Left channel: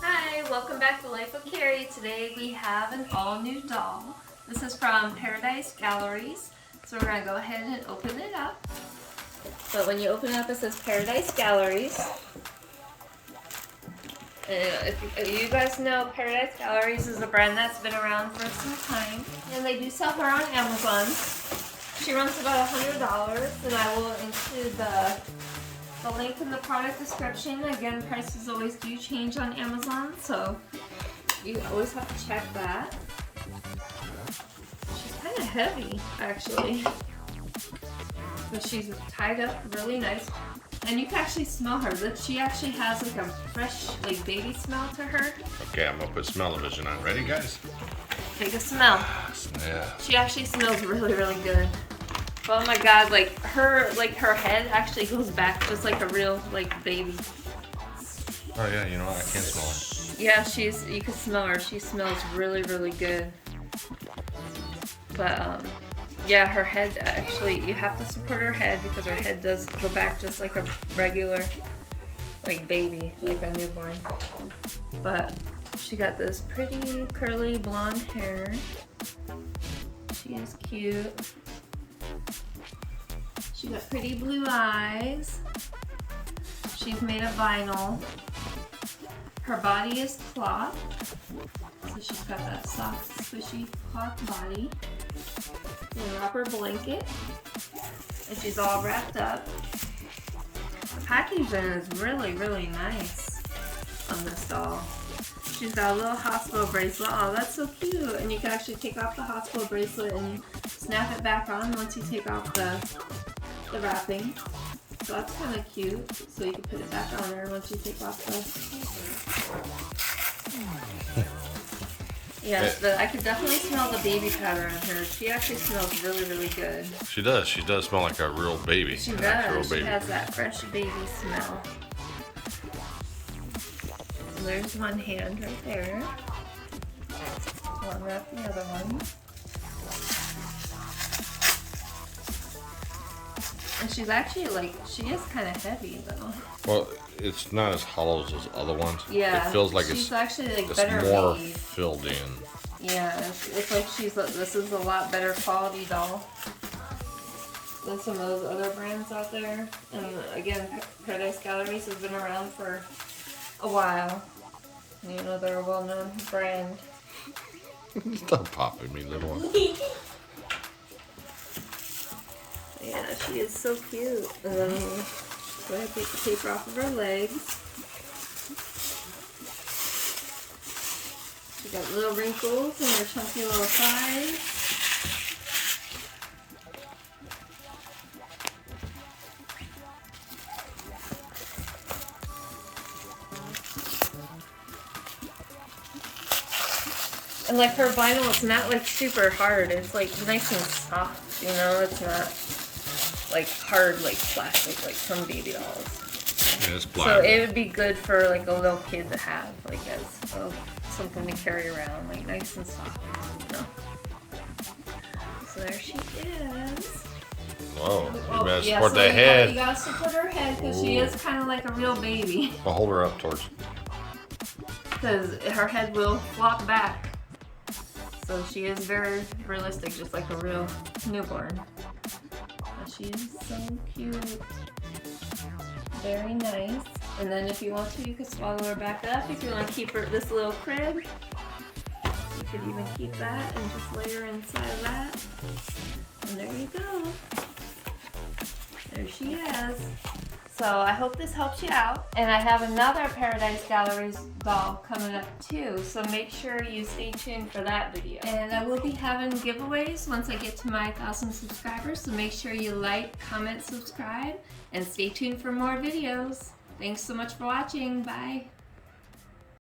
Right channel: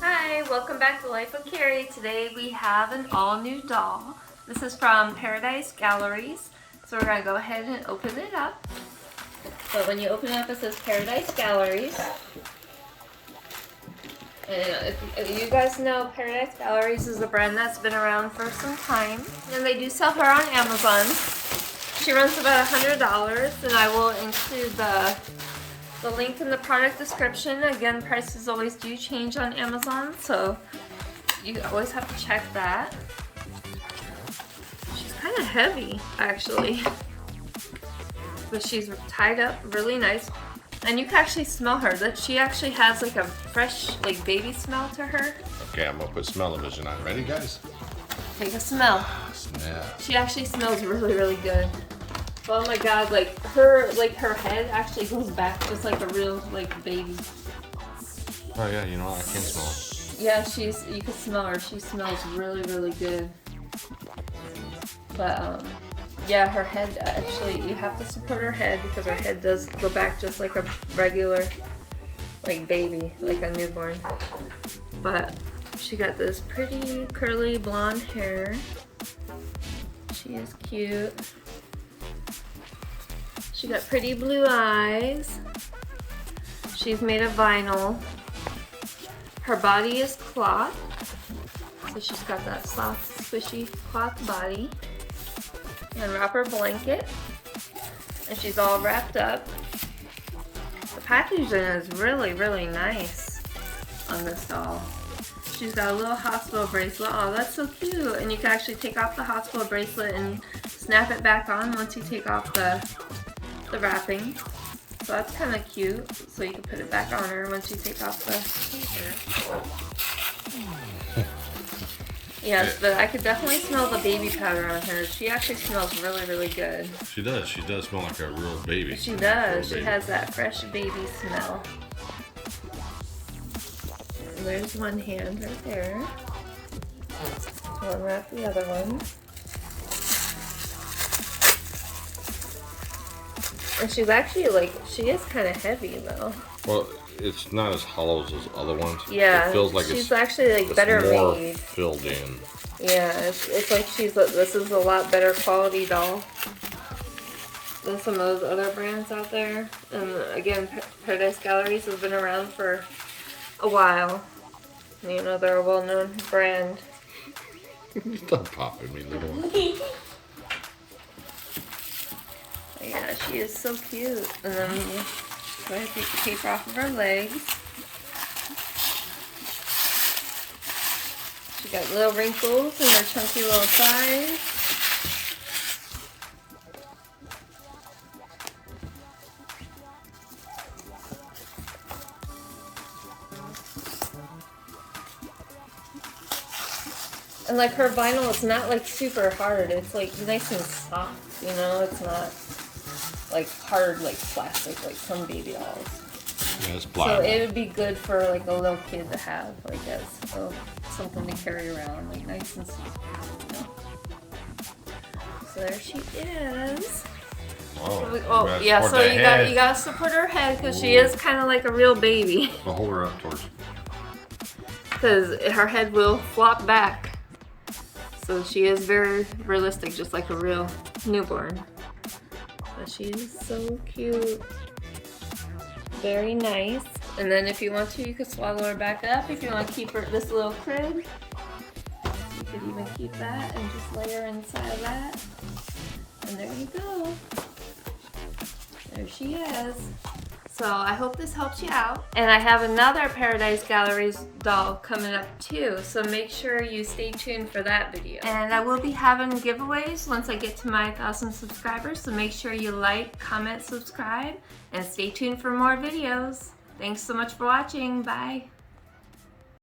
Hi, welcome back to Life of Carrie. Today we have an all-new doll. This is from Paradise Galleries. So we're going to go ahead and open it up. So when you open it up, it says Paradise Galleries. And if you guys know, Paradise Galleries is a brand that's been around for some time. And they do sell her on Amazon. She runs about $100, and I will include the link in the product description. Again, prices always do change on Amazon, so you always have to check that. She's kind of heavy, actually, but she's tied up really nice, and you can actually smell her. That she actually has like a fresh, like baby smell to her. Okay, I'm gonna put smell-o-vision on. Ready, guys? Take a smell. Yeah. She actually smells really, really good. Oh my god, like her head actually goes back just like a real like baby. Oh yeah, you know I can smell her. Yeah, you can smell her. She smells really, really good. But yeah, her head actually, you have to support her head because her head does go back just like a regular like baby, like a newborn. But she got this pretty curly blonde hair. She is cute. She got pretty blue eyes. She's made of vinyl. Her body is cloth. So she's got that soft, squishy cloth body. And a wrapper blanket. And she's all wrapped up. The packaging is really, really nice on this doll. She's got a little hospital bracelet. Oh, that's so cute. And you can actually take off the hospital bracelet and snap it back on once you take off the wrapping. So that's kind of cute. So you can put it back on her once you take off the... Yes, but I could definitely smell the baby powder on her. She actually smells really, really good. She does. She does smell like a real baby. She does. She has that fresh baby smell. So there's one hand right there. I'll unwrap the other one. And she's actually like, she is kind of heavy though. Well, it's not as hollow as those other ones. Yeah, it feels like she's actually like better more made. Filled in. Yeah, it's like this is a lot better quality doll than some of those other brands out there. And again, Paradise Galleries has been around for a while. You know, they're a well-known brand. Stop popping me, little one. Yeah, she is so cute. Go ahead and take the taper off of her legs. She got little wrinkles in her chunky little thighs. And like her vinyl is not like super hard. It's like nice and soft, you know? It's not like hard like plastic like some baby dolls. Yeah, it's pliable. So it would be good for like a little kid to have, like as something to carry around, like nice and soft. You know? So there she is. Oh, yeah. So you gotta support her head because she is kind of like a real baby. I'll hold her up towards. Because her head will flop back. So she is very realistic, just like a real newborn. But she is so cute. Very nice. And then if you want to, you could swallow her back up. If you want to keep her this little crib, you could even keep that and just lay her inside of that. And there you go. There she is. So I hope this helps you out. And I have another Paradise Galleries doll coming up too. So make sure you stay tuned for that video. And I will be having giveaways once I get to my 1,000 subscribers. So make sure you like, comment, subscribe, and stay tuned for more videos. Thanks so much for watching. Bye.